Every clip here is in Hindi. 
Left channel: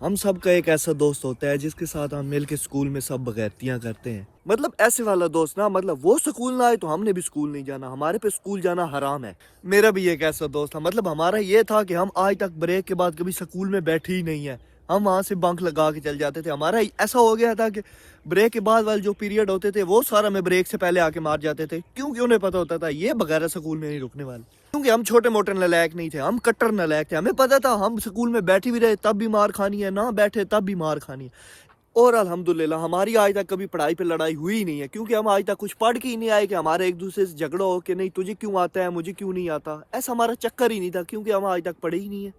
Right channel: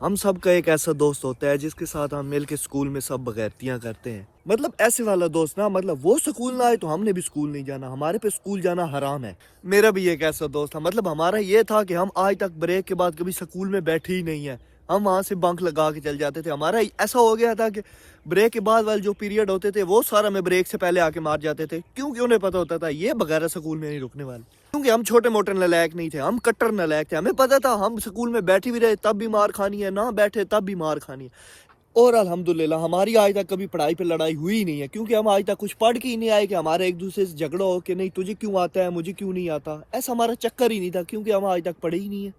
हम सब का एक ऐसा दोस्त होता है जिसके साथ हम मिल के स्कूल में सब बगैरतियां करते हैं। मतलब ऐसे वाला दोस्त ना, मतलब वो स्कूल ना आए तो हमने भी स्कूल नहीं जाना, हमारे पे स्कूल जाना हराम है। मेरा भी एक ऐसा दोस्त था, मतलब हमारा ये था कि हम आज तक ब्रेक के बाद कभी स्कूल में बैठे ही नहीं है। हम वहाँ से बंक लगा के चल जाते थे। हमारा ऐसा हो गया था कि ब्रेक के बाद वाले जो पीरियड होते थे वो सारा मैं ब्रेक से पहले आके मार जाते थे, क्योंकि उन्हें पता होता था ये बगैर स्कूल में नहीं रुकने वाले। क्योंकि हम छोटे मोटे नालायक नहीं थे, हम कट्टर नालायक थे। हमें पता था हम स्कूल में बैठे भी रहे तब भी मार खानी है, ना बैठे तब भी मार खानी है। और अल्हम्दुलिल्लाह हमारी आज तक कभी पढ़ाई पे लड़ाई हुई ही नहीं है, क्योंकि हम आज तक कुछ पढ़ के ही नहीं आए कि हमारे एक दूसरे से झगड़ा हो कि नहीं तुझे क्यों आता है मुझे क्यों नहीं आता। ऐसा हमारा चक्कर ही नहीं था, क्योंकि हम आज तक पढ़े ही नहीं है।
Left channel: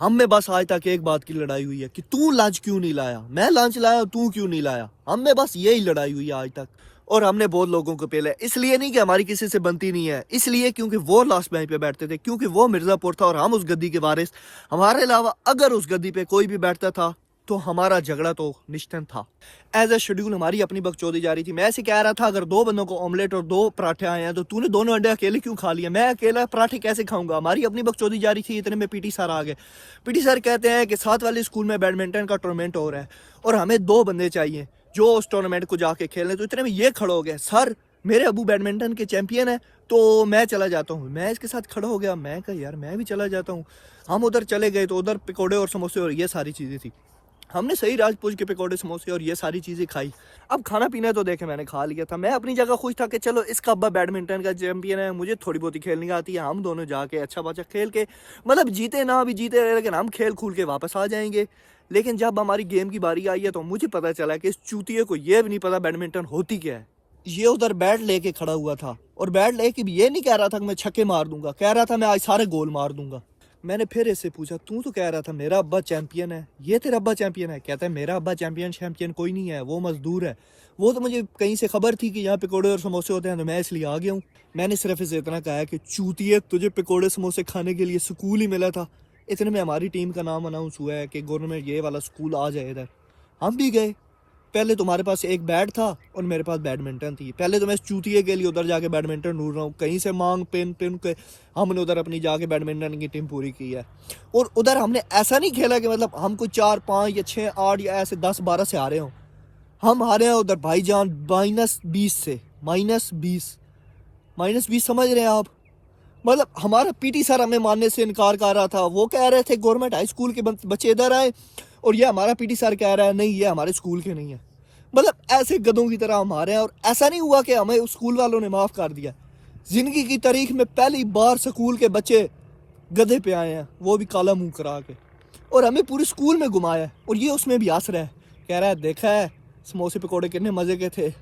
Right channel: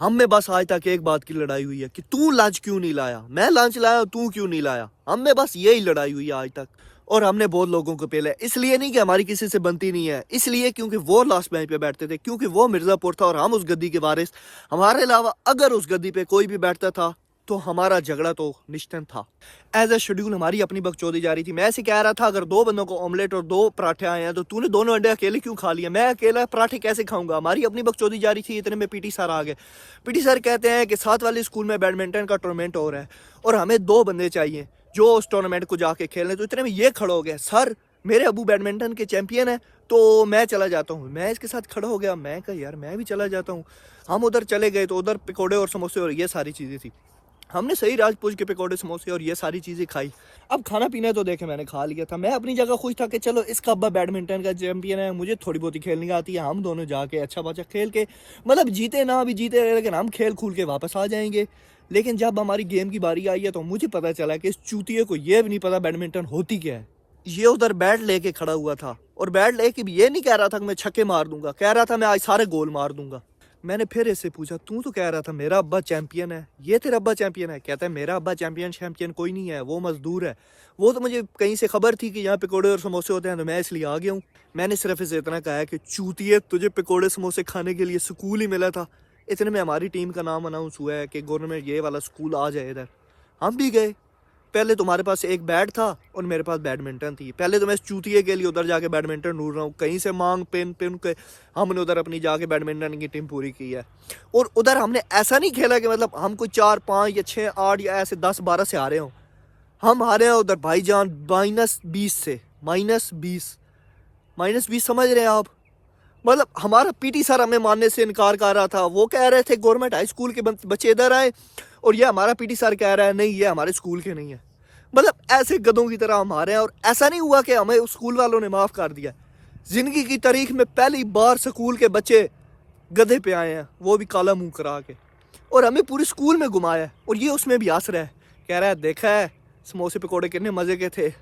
हमें बस आज तक एक बात की लड़ाई हुई है कि तू लंच क्यों नहीं लाया, मैं लंच लाया तू क्यों नहीं लाया। हमें बस यही लड़ाई हुई है आज तक। और हमने बहुत लोगों को पहले, इसलिए नहीं कि हमारी किसी से बनती नहीं है, इसलिए क्योंकि वो लास्ट बेंच पे बैठते थे, क्योंकि वो मिर्जापुर था और हम उस गद्दी के वारिस। हमारे अलावा अगर उस गद्दी पे कोई भी बैठता था तो हमारा झगड़ा तो निश्चित था। एज ए शेड्यूल हमारी अपनी बकचोदी जा रही थी। मैं ऐसे कह रहा था अगर दो बंदों को ऑमलेट और दो पराठे आए हैं तो तूने दोनों अंडे अकेले क्यों खा लिया, मैं अकेला पराठे कैसे खाऊंगा। हमारी अपनी बकचोदी जा रही थी। इतने में पीटी सर आ गए। पीटी सर कहते हैं कि साथ वाले स्कूल में बैडमिंटन का टूर्नामेंट हो रहा है और हमें दो बंदे चाहिए जो उस टूर्नामेंट को जाके खेल रहे। तो इतने में ये खड़ा हो गया, सर मेरे अबू बैडमिंटन के चैंपियन है तो मैं चला जाता हूँ। मैं इसके साथ खड़ा हो गया, मैं कहा यार मैं भी चला जाता हूँ। हम उधर चले गए तो उधर पकौड़े और समोसे और ये सारी चीज़ें थी। हमने सही राजपूत के पकौड़े समोसे और ये सारी चीज़ें खाई। अब खाना पीना तो देखे मैंने खा लिया था। मैं अपनी जगह खुश था कि चलो इसका अब्बा बैडमिंटन का चैंपियन है, मुझे थोड़ी बहुत ही खेलनी आती है। हम दोनों जाके अच्छा बच्चा खेल के, मतलब जीते ना भी जीते लेकिन हम खेल खूल के वापस आ जाएंगे। लेकिन जब हमारी गेम की बारी आई है तो मुझे पता चला कि इस चूतिए को ये भी नहीं पता बैडमिंटन होती क्या है। ये उधर बैट लेके खड़ा हुआ था और बैट लेके भी ये नहीं कह रहा था कि मैं छक्के मार दूंगा, कह रहा था मैं आज सारे गोल मार दूंगा। मैंने फिर इससे पूछा तू तो कह रहा था मेरा अब्बा चैंपियन है, ये तेरा अब्बा चैंपियन है? कहता है मेरा अब्बा चैंपियन कोई नहीं है, वो मजदूर है। वो तो मुझे कहीं से खबर थी कि यहाँ पकौड़े और समोसे होते हैं तो मैं इसलिए आ गया हूँ। मैंने सिर्फ इसे इतना कहा है कि चूतिए तुझे पकौड़े समोसे खाने के लिए स्कूल ही मिला था। इतने में हमारी टीम का नाम अनाउंस हुआ है कि गवर्नमेंट ये वाला स्कूल आ जाए इधर। हम भी गए। पहले तुम्हारे पास एक बैट था और मेरे पास बैडमिंटन थी। पहले तो मैं चूतिए के लिए उधर जाके बैडमिंटन ढूंढ रहा हूँ, कहीं से मांग पिन पिन के हमने उधर अपनी जाके बैडमिंटन की टीम पूरी की है। और उधर हमने ऐसा नहीं खेला कि मतलब हम कोई 4 5 या 6 8 या ऐसे 10 12 से हारे हों। हम हारे हैं उधर भाईजान -20 से। -20 समझ रहे हैं आप? मतलब हमारा पीटी सर हमें मानने से इनकार कर रहा था। वो कह रहे थे गवर्नमेंट हाई स्कूल के बच्चे इधर आए और ये हमारा पीटी सर कह रहा है नहीं ये हमारे स्कूल के नहीं है। मतलब ऐसे गधों की तरह हम हारे हैं। और ऐसा नहीं हुआ कि हमें उस स्कूल वालों ने माफ़ कर दिया। जिंदगी की तारीख में पहली बार स्कूल के बच्चे गधे पे आए हैं, वो भी काला मुंह करा के, और हमें पूरे स्कूल में घुमाया है। और ये उसमें भी हंस रहा है, कह रहा है देखा है समोसे पकौड़े कितने मजे के थे।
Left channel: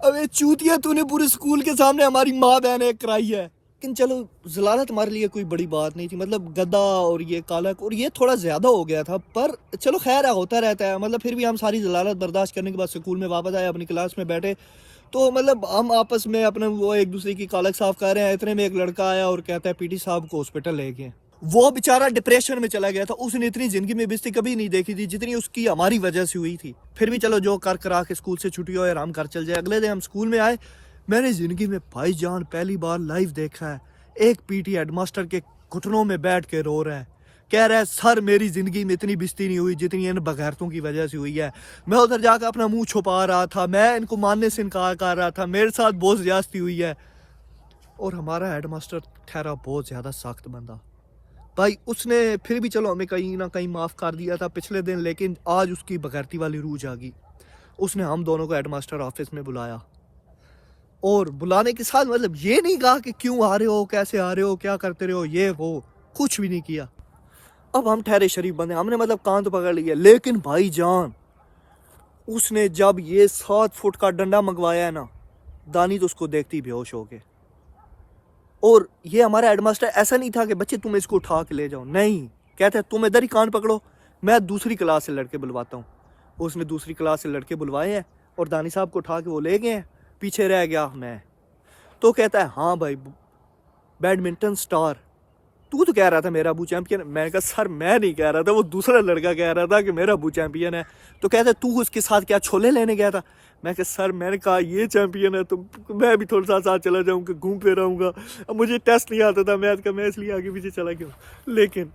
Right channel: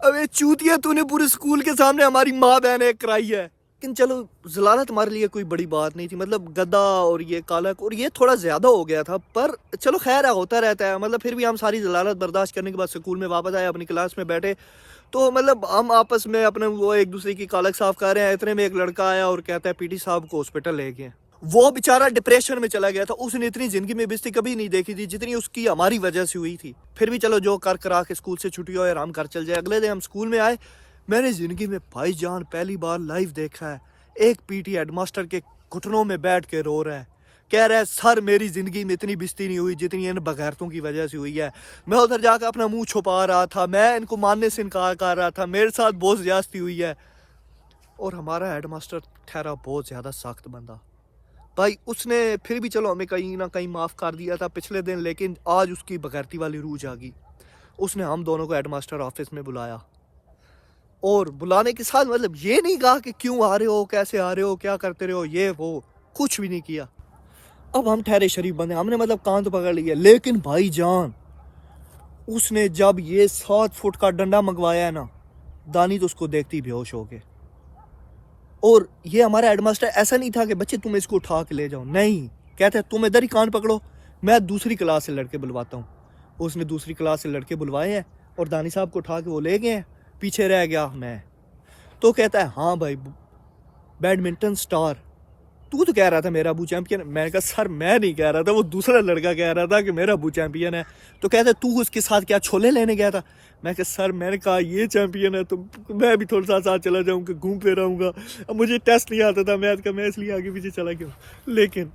अबे चूतिया तूने पूरे स्कूल के सामने हमारी माँ बहन एक कराई है। लेकिन चलो जलालत हमारे लिए कोई बड़ी बात नहीं थी। मतलब गद्दा और ये कालक और ये थोड़ा ज़्यादा हो गया था, पर चलो खैर है होता रहता है। मतलब फिर भी हम सारी जलालत बर्दाश्त करने के बाद स्कूल में वापस आए, अपनी क्लास में बैठे तो मतलब हम आपस में अपने वो एक दूसरे की कालक साफ कर रहे हैं। इतने में एक लड़का आया और कहता है पीटी साहब को हॉस्पिटल ले गए। वो बेचारा डिप्रेशन में चला गया था। उसने इतनी जिंदगी में बेइज्जती कभी नहीं देखी थी जितनी उसकी हमारी वजह से हुई थी। फिर भी चलो जो कर करा के स्कूल से छुट्टी हो आराम कर चल जाए। अगले दिन हम स्कूल में आए, मैंने जिंदगी में भाईजान पहली बार लाइव देखा है एक पीटी हेडमास्टर के घुटनों में बैठ के रो रहा है, कह रहा है सर मेरी जिंदगी में इतनी बेइज्जती नहीं हुई जितनी इन बगैरतों की वजह से हुई है। मैं उधर जाकर अपना मुंह छुपा रहा था, मैं इनको मानने से इनकार कर रहा था, मेरे साथ बहुत ज्यादती हुई है। और हमारा हेडमास्टर ठहरा बहुत ज्यादा सख्त बंदा भाई। उसने फिर भी चलो हमें कहीं ना कहीं माफ कर दिया था पिछले दिन, लेकिन आज उसकी बगैरती वाली रूह जागी। उसने हम दोनों को हेडमास्टर ऑफिस में बुलाया और बुलाने के साथ मतलब ये नहीं कहा कि क्यों आ रहे हो, कैसे आ रहे हो, क्या करते रहे हो, ये वो कुछ भी नहीं किया। अब हम ठहरे शरीफ बंदे, हमने मतलब कान तो पकड़ लिया। लेकिन भाईजान उसने जब ये 7 फुट का डंडा मंगवाया है ना, दानी तो उसको देखती बेहोश हो गए। और ये हमारा हेडमास्टर ऐसा नहीं था कि बच्चे तुम इसको उठा के ले जाओ, नहीं, कहते हैं तुम इधर ही कान पकड़ो, मैं दूसरी क्लास से लड़के बुलवाता हूँ। उसने दूसरी क्लास से लड़के बुलवाए हैं और दानी साहब को उठा के वो ले गए हैं। पीछे रह गया मैं। तो कहता है हाँ भाई बैडमिंटन स्टार, तू तो कह रहा था मेरा अबू चैंपियन। मैंने कहा सर मैं नहीं कह रहा था, वो दूसरा लड़का कह रहा था कि मेरा अबू चैंपियन है। तो कहता है तू उसके साथ क्या छोले लेने गया था? मैं कहा सर मैंने कहा ये चैंपियन है तो मैं भी थोड़ा सा साथ चला जाऊंगा, घूमते रहूंगा। अब मुझे टेस्ट नहीं आता था मैथ का, मैं इसलिए आगे पीछे चला गया। लेकिन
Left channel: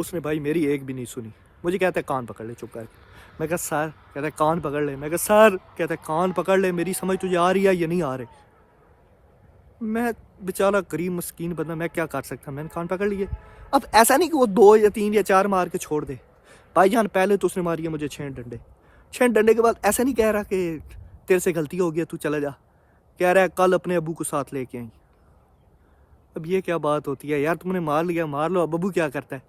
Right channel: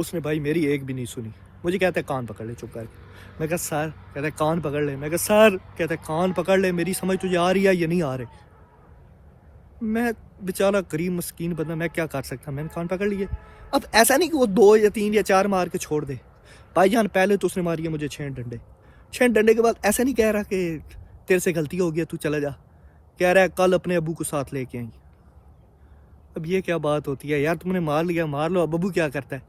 उसने भाई मेरी एक भी नहीं सुनी। मुझे कहता है कान पकड़ ले, चुप कर। मैं कहा सर, कहता है कान पकड़ ले। मैं कहा सर, कहता है कान पकड़ ले, मेरी समझ तुझे आ रही है या नहीं आ रही। मैं बेचारा गरीब मस्कीन बंदा, मैं क्या कर सकता, मैंने कान पकड़ लिए। अब ऐसा नहीं कि वो 2 या 3 या 4 मार के छोड़ दे। भाईजान पहले तो उसने मारी है मुझे 6 डंडे। 6 डंडे के बाद ऐसा नहीं कह रहा कि तेरे से गलती हो गया तू चला जा, कह रहा है कल अपने अबू को साथ लेके आई। अब ये क्या बात होती है यार, तुमने मार लिया मार लो, अब अबू क्या करता है।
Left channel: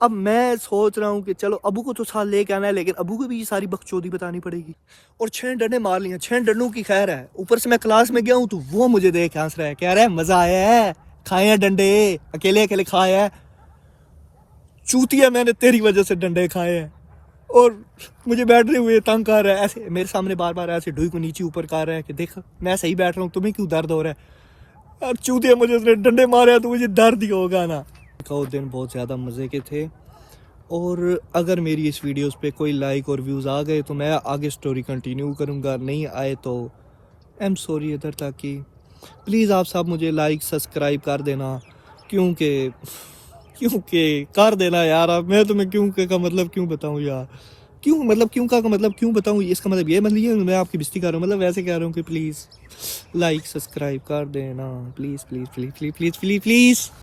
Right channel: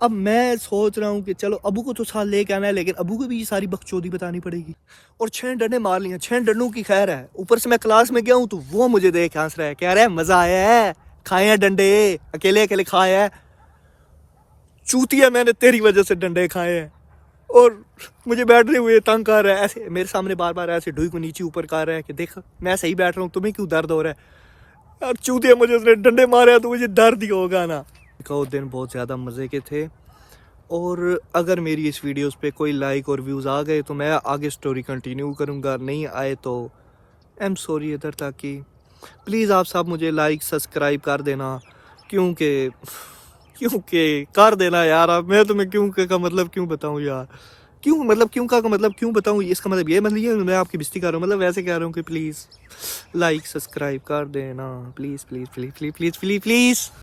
अब मैं सोच रहा हूँ कि चलो अबू को तो साथ लेके आना है, लेकिन अबू को भी ये सारी बकचोदी बतानी पड़ेगी। और 6 डंडे मार लिए, 6 डंडों की खैर है। ऊपर से मैं क्लास में गया हूँ तो वो मुझे देख हंस रहा है, कह रहा है मजा आया है, खाए हैं डंडे, अकेले अकेले खाए हैं, चूतिया मैंने तेरी वजह से डंडे खाए हैं। और मुझे बैठते हुए तंग कर रहा है, ऐसे मेरे सामने बार बार ऐसे ढूई को नीचे ऊपर कर रहा है कि देख मैं सही बैठ रहा हूँ, तुम्हें क्यों दर्द हो रहा है। यार चूतिया मुझे उसने डंडे मारे हैं तो मुझे दर्द ही होगा ना। वो दिन बहुत ज़्यादा मज़े के थे। और अगर मेरी इस वीडियोस पे कोई लाइक और व्यूज़ आ गए तो मैं आगे स्टोरी कंटिन्यू करूँगा, नहीं आए तो आई एम सॉरी। इधर तक कि प्लीज़ आप सब मुझे लाइक सब्सक्राइब कर देना, क्योंकि कर देना यार। अब मैं तुम्हें क्यों का मतलब क्यों बताऊँ यार, क्यों मतलब क्यों का मतलब क्यों बताऊँ, इसका मतलब ये मतलब ये मैं आपकी बेइज्जती कर रहा हूँ, मतलब वैसे कह रहा हूँ कि प्लीज़ लाइक सब्सक्राइब कर देना, please please please please please please please.